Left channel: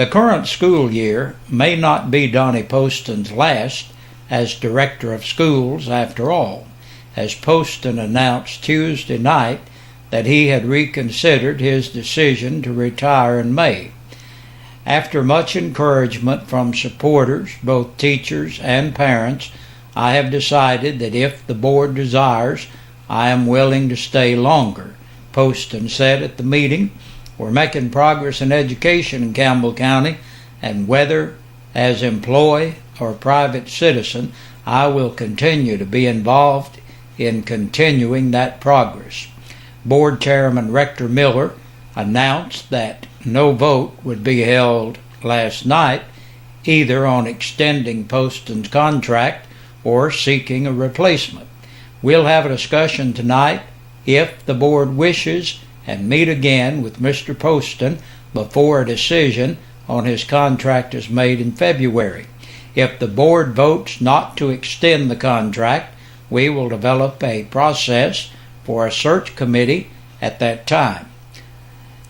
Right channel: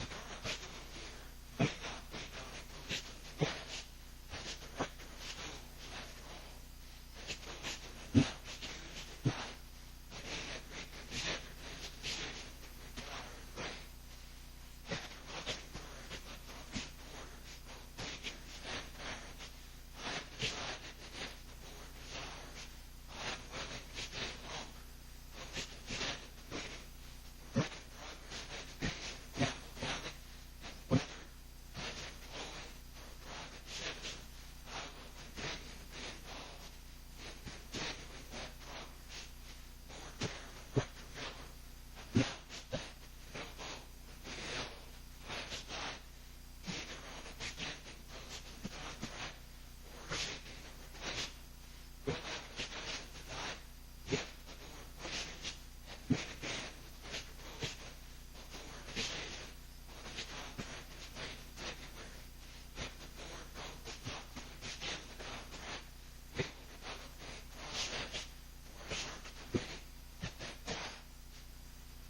The current school year may not be Donnie Poston's last as Director of Schools after all, as Poston announced Tuesday night that he had reconsidered his decision to retire in May. After much encouragement from supporters, both teachers and parents, I have decided that if the board desires, I am willing to stay longer, Poston said at the meeting. We're making progress in education in Campbell County, and whether as employee or private citizen, I will continue to be involved in continuing that progress. Board Chairman Rector Miller announced that no vote would be held last night either on extending Poston's contract or seeking a replacement. We'll have a discussion tonight if the board wishes and meet again with Mr. Poston before a decision on his contract is made in February. If the board votes not to extend the contract, we will develop a process for a search committee at that time.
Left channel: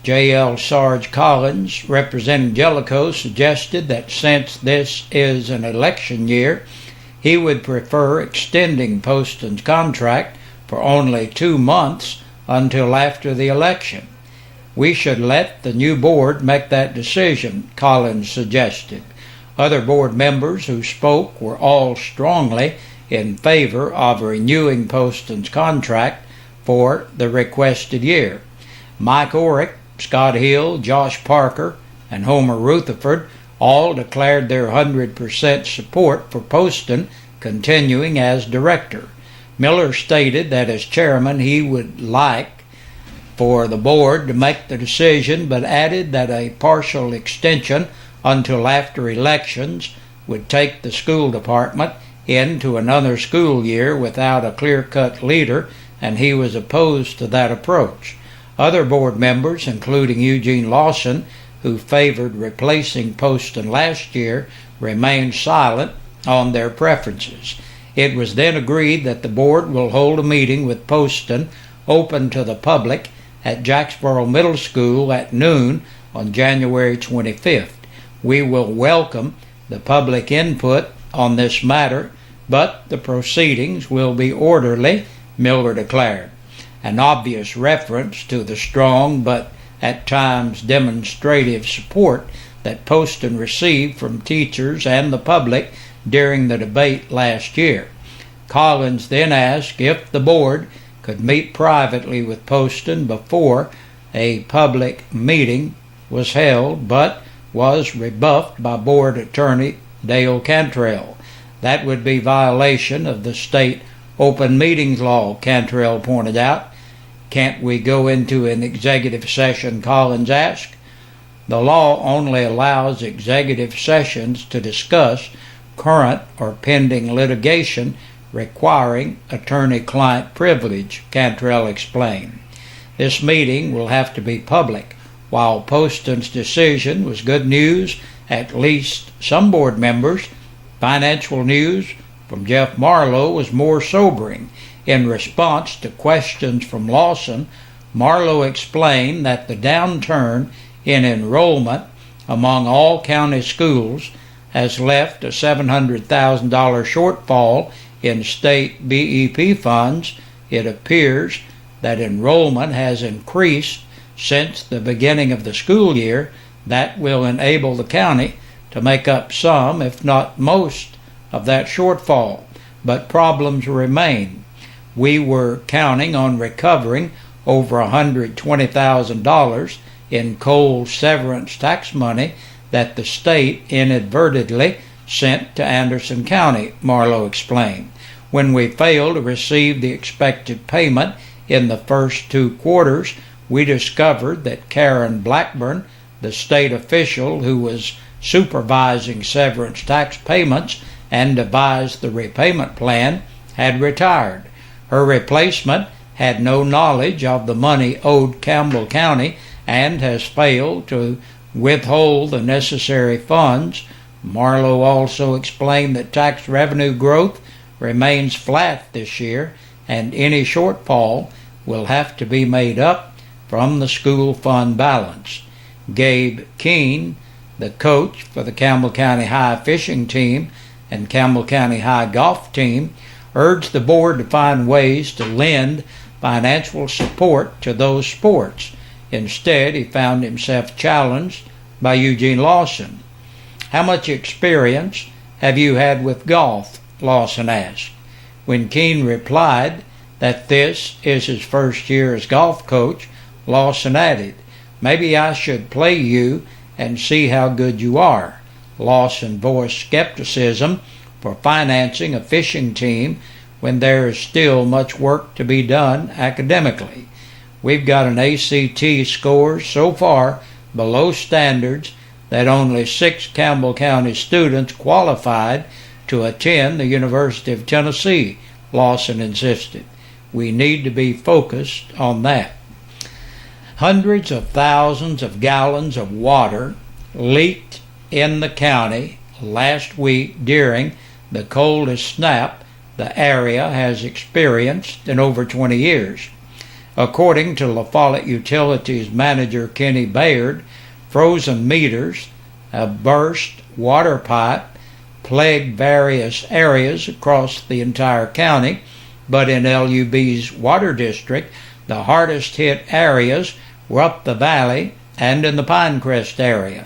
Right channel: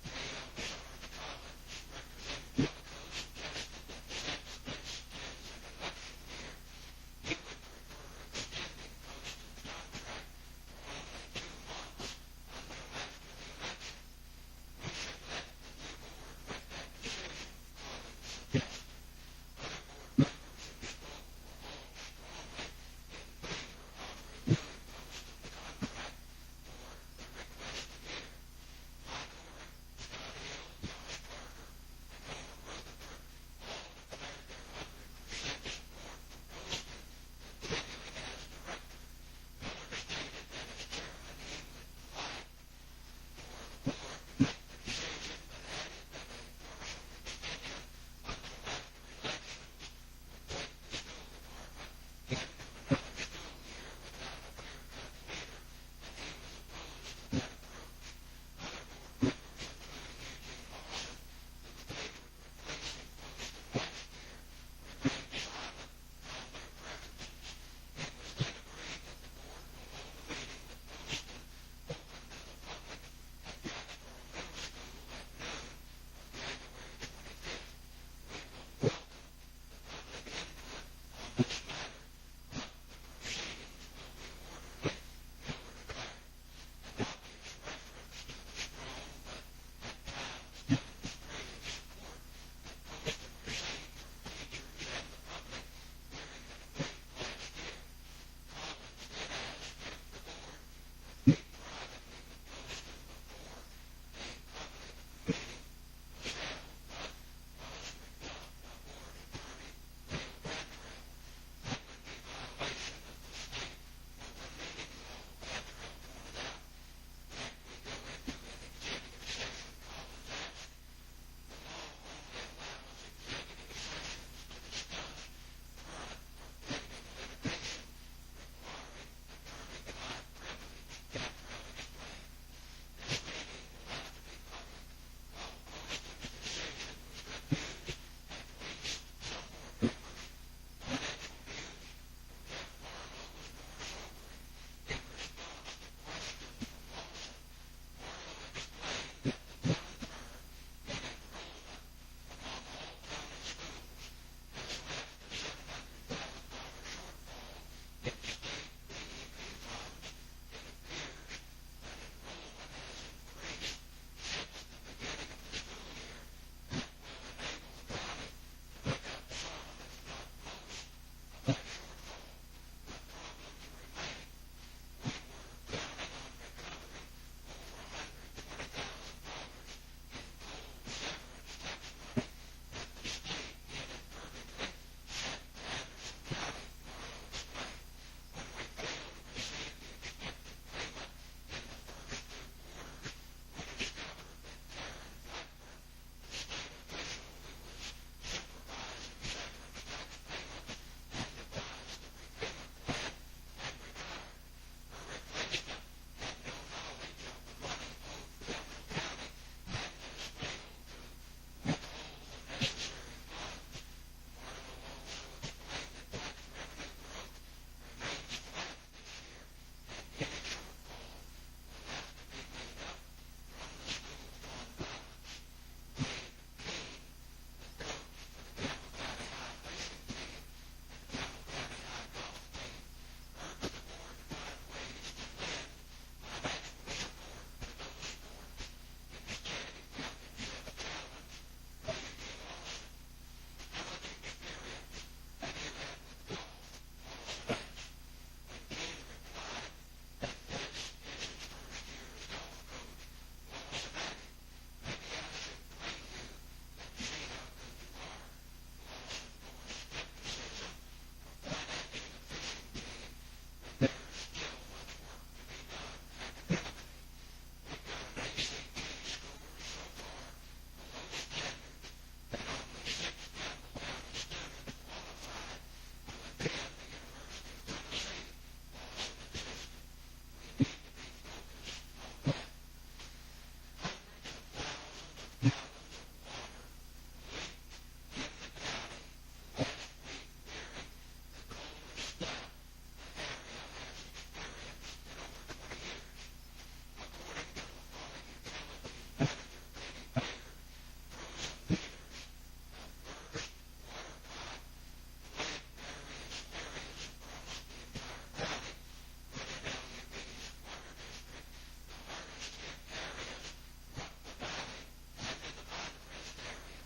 J.L. Sarge Collins, representing Jellicoe, suggested that since this is an election year, he would prefer extending Poston's contract for only 2 months until after the election. We should let the new board make that decision, Collins suggested. Other board members who spoke were all strongly in favor of renewing Poston's contract for the requested year. Mike Orrick, Scott Hill, Josh Parker, and Homer Rutherford all declared their 100% support for Poston continuing as director. Miller stated that as chairman he would like for the board to make the decision, but added that a partial extension until after elections would take the school department into another school year without a clear-cut leader, and he was opposed to that approach. Other board members, including Eugene Lawson, who favored replacing Poston last year, remained silent on their preferences. It was then agreed that the board will hold a meeting with Poston open to the public at Jacksboro Middle School at noon on January 25th. We will welcome the public input on this matter, but the proceedings will be orderly, Miller declared. An obvious reference to the strong but at times demonstrative support that Poston received from teachers and the public during the debate last year. Collins then asked if the board could meet privately with Poston before a public meeting was held, but was rebuffed by board attorney Dale Cantrell. That would be violation of the state open meetings law, Cantrell pointed out. Can't we go into an executive session, Collins asked. The law only allows executive sessions to discuss current or pending litigation requiring attorney-client privilege, Cantrell explained. This meeting will have to be public. While Poston's decision was good news, at least some board members, financial news from Jeff Marlowe was more sobering. In response to questions from Lawson, Marlowe explained that the downturn in enrollment among all county schools has left a $700,000 shortfall in state BEP funds. It appears that enrollment has increased since the beginning of the school year. That will enable the county to make up some, if not most, of that shortfall. But problems remain. We were counting on recovering over $120,000 in coal severance tax money that the state inadvertently sent to Anderson County, Marlowe explained. When we failed to receive the expected payment in the first 2 quarters, we discovered that Karen Blackburn, the state official who was supervising severance tax payments and devised the repayment plan, had retired. Her replacement had no knowledge of the money owed Campbell County and has failed to withhold the necessary funds. Marlowe also explained that tax revenue growth remains flat this year, and any shortfall will have to be made up from the school fund balance. Gabe Keene, the coach for the Campbell County High fishing team and Campbell County High golf team, urged the board to find ways to lend financial support to those sports. Instead, he found himself challenged by Eugene Lawson. "How much experience have you had with golf?" Lawson asked. When Keene replied that this is his first year as golf coach, Lawson added, "Maybe I should play you and see how good you are." Lawson voiced skepticism for financing a fishing team when there is still much work to be done academically. "We've got an ACT score so far below standards that only 6 Campbell County students qualified to attend the University of Tennessee," Lawson insisted. "We need to be focused on that." Hundreds of thousands of gallons of water leaked in the county last week during the coldest snap the area has experienced in over 20 years. According to La Follette Utilities manager Kenny Bayard, frozen meters, a burst water pipe, plagued various areas across the entire county, but in LUB's water district, the hardest hit areas were up the valley and in the Pinecrest area.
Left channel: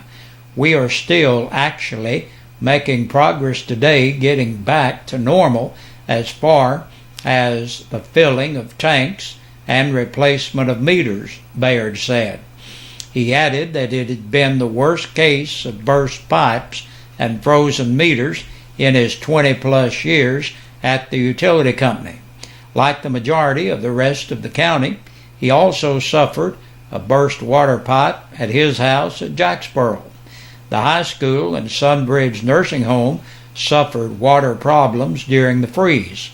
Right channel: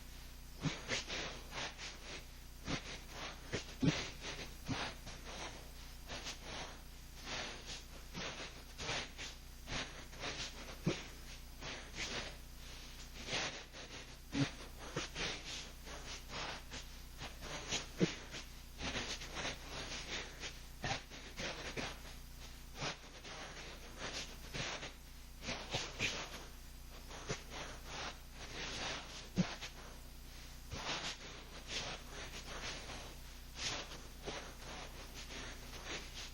"We are still actually making progress today getting back to normal as far as the filling of tanks and replacement of meters," Bayard said. He added that it had been the worst case of burst pipes and frozen meters in his 20-plus years at the utility company. Like the majority of the rest of the county, he also suffered a burst water pipe at his house at Jacksboro. The high school and Sunbridge nursing home suffered water problems during the freeze.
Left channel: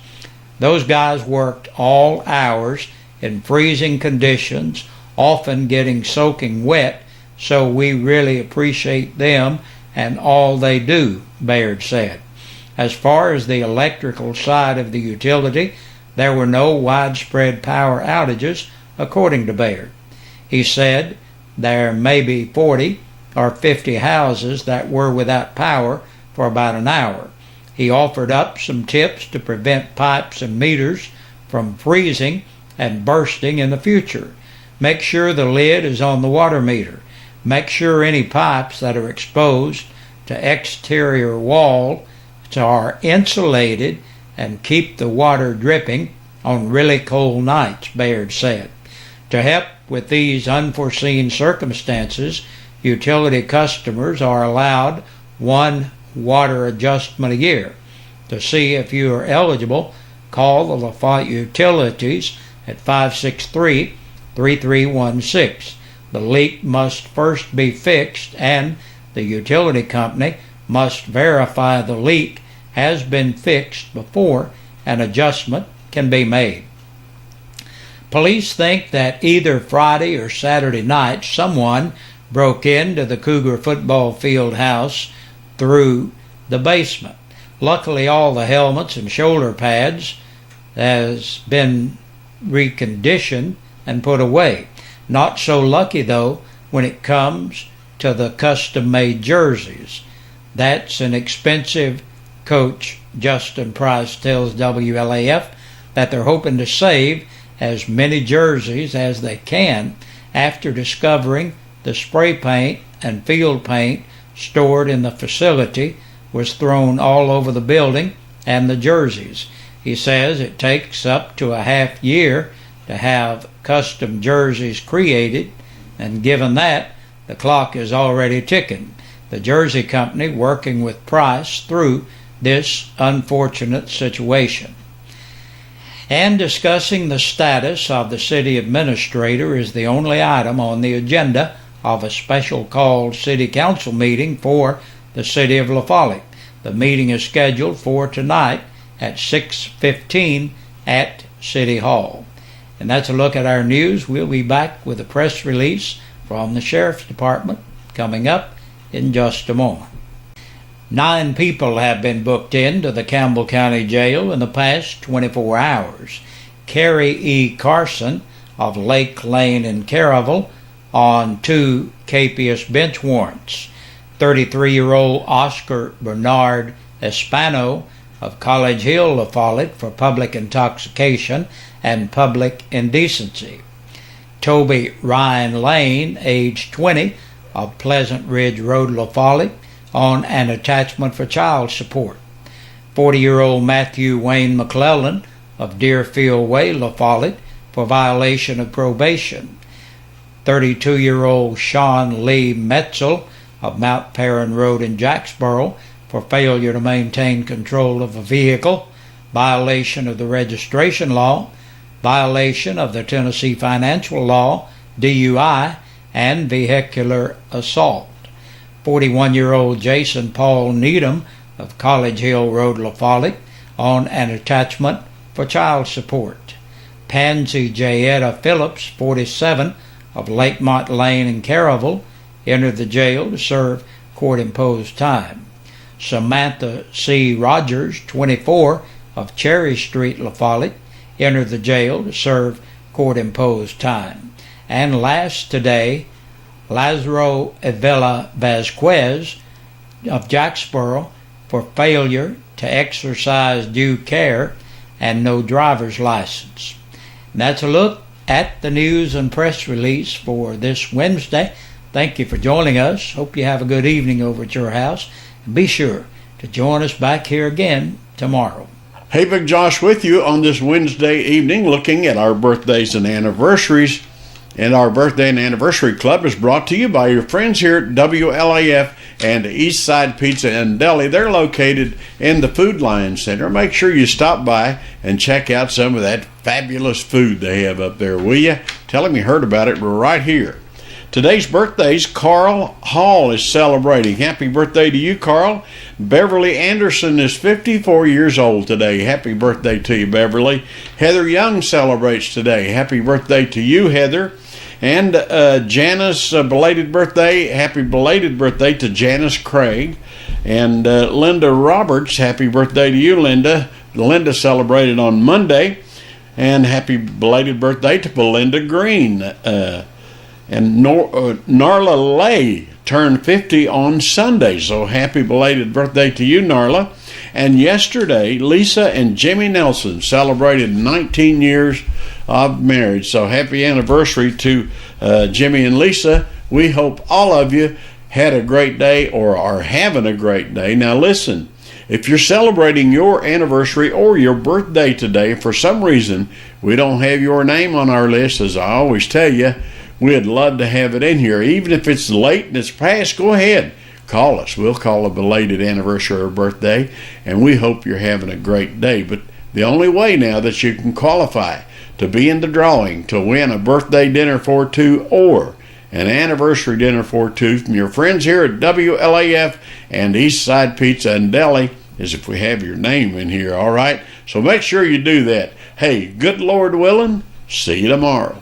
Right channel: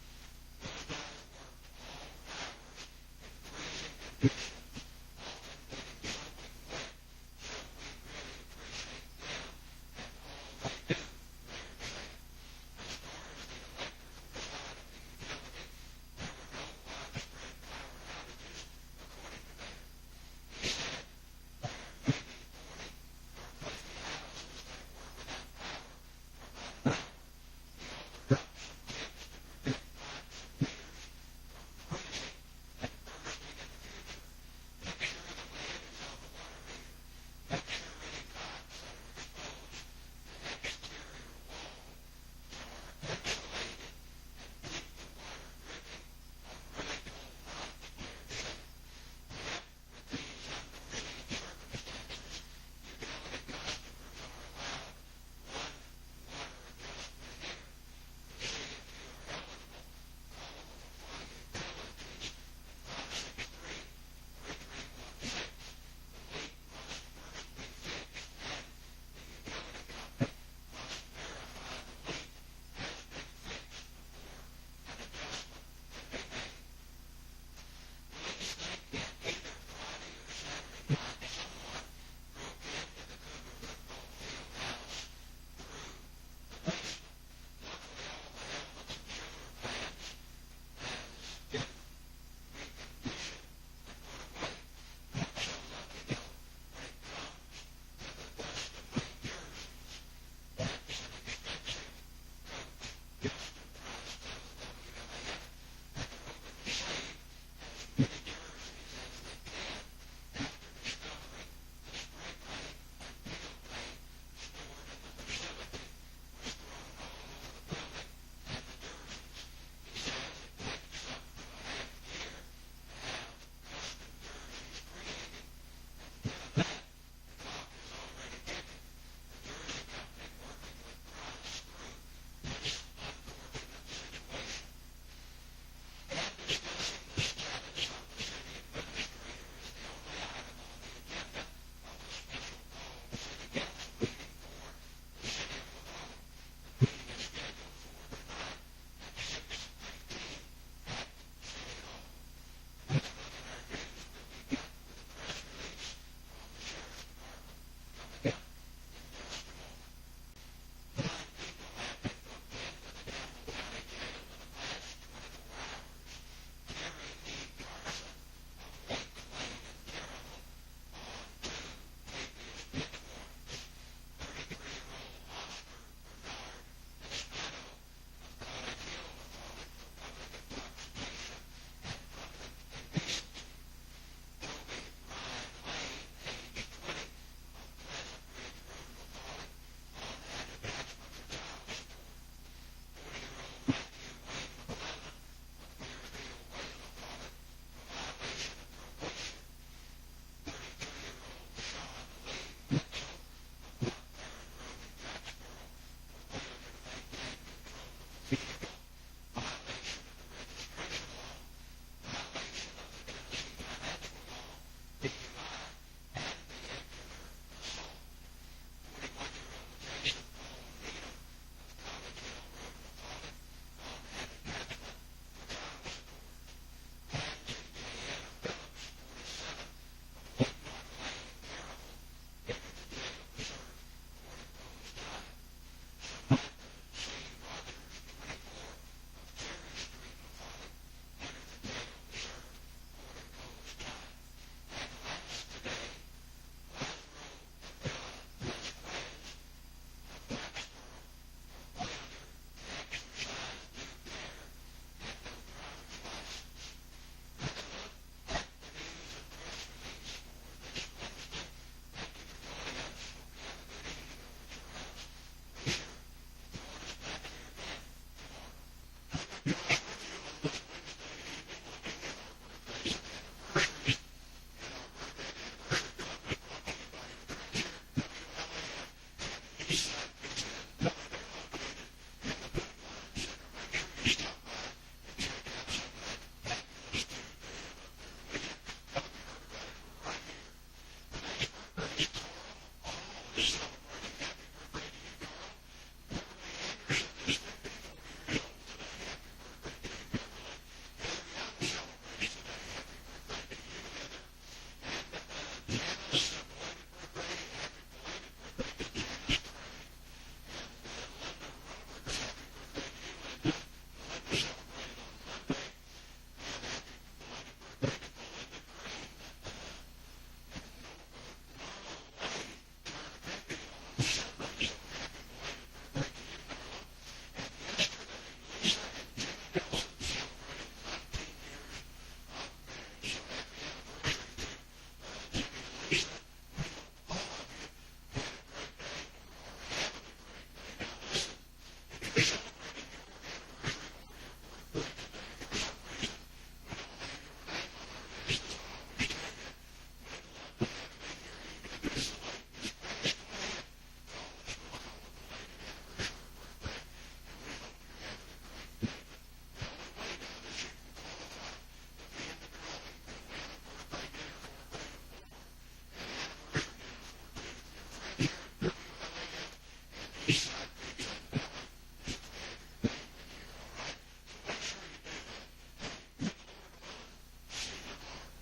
Those guys worked all hours in freezing conditions, often getting soaking wet, so we really appreciate them and all they do, Bayard said. As far as the electrical side of the utility, there were no widespread power outages, according to Bayard. He said there may be 40 or 50 houses that were without power for about an hour. He offered up some tips to prevent pipes and meters from freezing and bursting in the future. Make sure the lid is on the water meter. Make sure any pipes that are exposed to exterior wall are insulated and keep the water dripping on really cold nights, Bayard said. To help with these unforeseen circumstances, utility customers are allowed one water adjustment a year. To see if you are eligible, call the La Follette Utilities at 563-3316. The leak must first be fixed, and the utility company must verify the leak has been fixed before an adjustment can be made. Police think that either Friday or Saturday night someone broke into the Cougar football field house through the basement. Luckily, all the helmets and shoulder pads has been reconditioned and put away. Not so lucky, though, when it comes to the custom-made jerseys. That's an expensive. Coach Justin Price tells WLAF that they're hoping to save as many jerseys as they can after discovering the spray paint and field paint stored in the facility was thrown all over the building and the jerseys. He says it takes up to a half year to have custom jerseys created, and given that, the clock is already ticking. The jersey company working with Price through this unfortunate situation. And discussing the status of the city administrator is the only item on the agenda of a special called city council meeting for the city of La Follette. The meeting is scheduled for tonight at 6:15 at City Hall. And that's a look at our news. We'll be back with a press release from the Sheriff's Department coming up in just a moment. 9 people have been booked into the Campbell County Jail in the past 24 hours. Carrie E. Carson of Lake Lane in Caravel on 2 capious bench warrants. 33-year-old Oscar Bernard Espano of College Hill, La Follette, for public intoxication and public indecency. Toby Ryan Lane, age 20, of Pleasant Ridge Road, La Follette, on an attachment for child support. 40-year-old Matthew Wayne McClellan of Deerfield Way, La Follette, for violation of probation. 32-year-old Sean Lee Metzel of Mount Perrin Road in Jacksboro, for failure to maintain control of a vehicle, violation of the registration law, violation of the Tennessee financial law, DUI, and vehicular assault. 41-year-old Jason Paul Needham of College Hill Road, La Follette, on an attachment for child support. Pansy Jayetta Phillips, 47, of Lakemont Lane in Caryville, entered the jail to serve court-imposed time. Samantha C. Rogers, 24, of Cherry Street, La Follette, entered the jail to serve court-imposed time. And last today, Lazaro Avila Vasquez of Jacksboro, for failure to exercise due care and no driver's license. And that's a look at the news and press release for this Wednesday. Thank you for joining us. Hope you have a good evening over at your house. And be sure to join us back here again tomorrow. Hey, Big Josh with you on this Wednesday evening, looking at our birthdays and anniversaries. And our Birthday and Anniversary Club is brought to you by your friends here at WLAF and Eastside Pizza and Deli. They're located in the Food Lion Center. Make sure you stop by and check out some of that fabulous food they have up there, will you? Tell them you heard about it. We're right here. Today's birthdays, Carl Hall is celebrating. Happy birthday to you, Carl. Beverly Anderson is 54 years old today. Happy birthday to you, Beverly. Heather Young celebrates today. Happy birthday to you, Heather. And Janice, belated birthday. Happy belated birthday to Janice Craig. And Linda Roberts, happy birthday to you, Linda. Linda celebrated on Monday. And happy belated birthday to Belinda Green. And Narla Lay turned 50 on Sunday. So happy belated birthday to you, Narla. And yesterday, Lisa and Jimmy Nelson celebrated 19 years of marriage. So happy anniversary to Jimmy and Lisa. We hope all of you had a great day or are having a great day. Now listen, if you're celebrating your anniversary or your birthday today, for some reason we don't have your name on our list, as I always tell you, we'd love to have it in here. Even if it's late and it's past, go ahead. Call us. We'll call a belated anniversary or birthday, and we hope you're having a great day. But the only way now that you can qualify to be in the drawing to win a birthday dinner for two or an anniversary dinner for two from your friends here at WLAF and Eastside Pizza and Deli is if we have your name in here, all right? So make sure you do that. Hey, good Lord willing, see you tomorrow.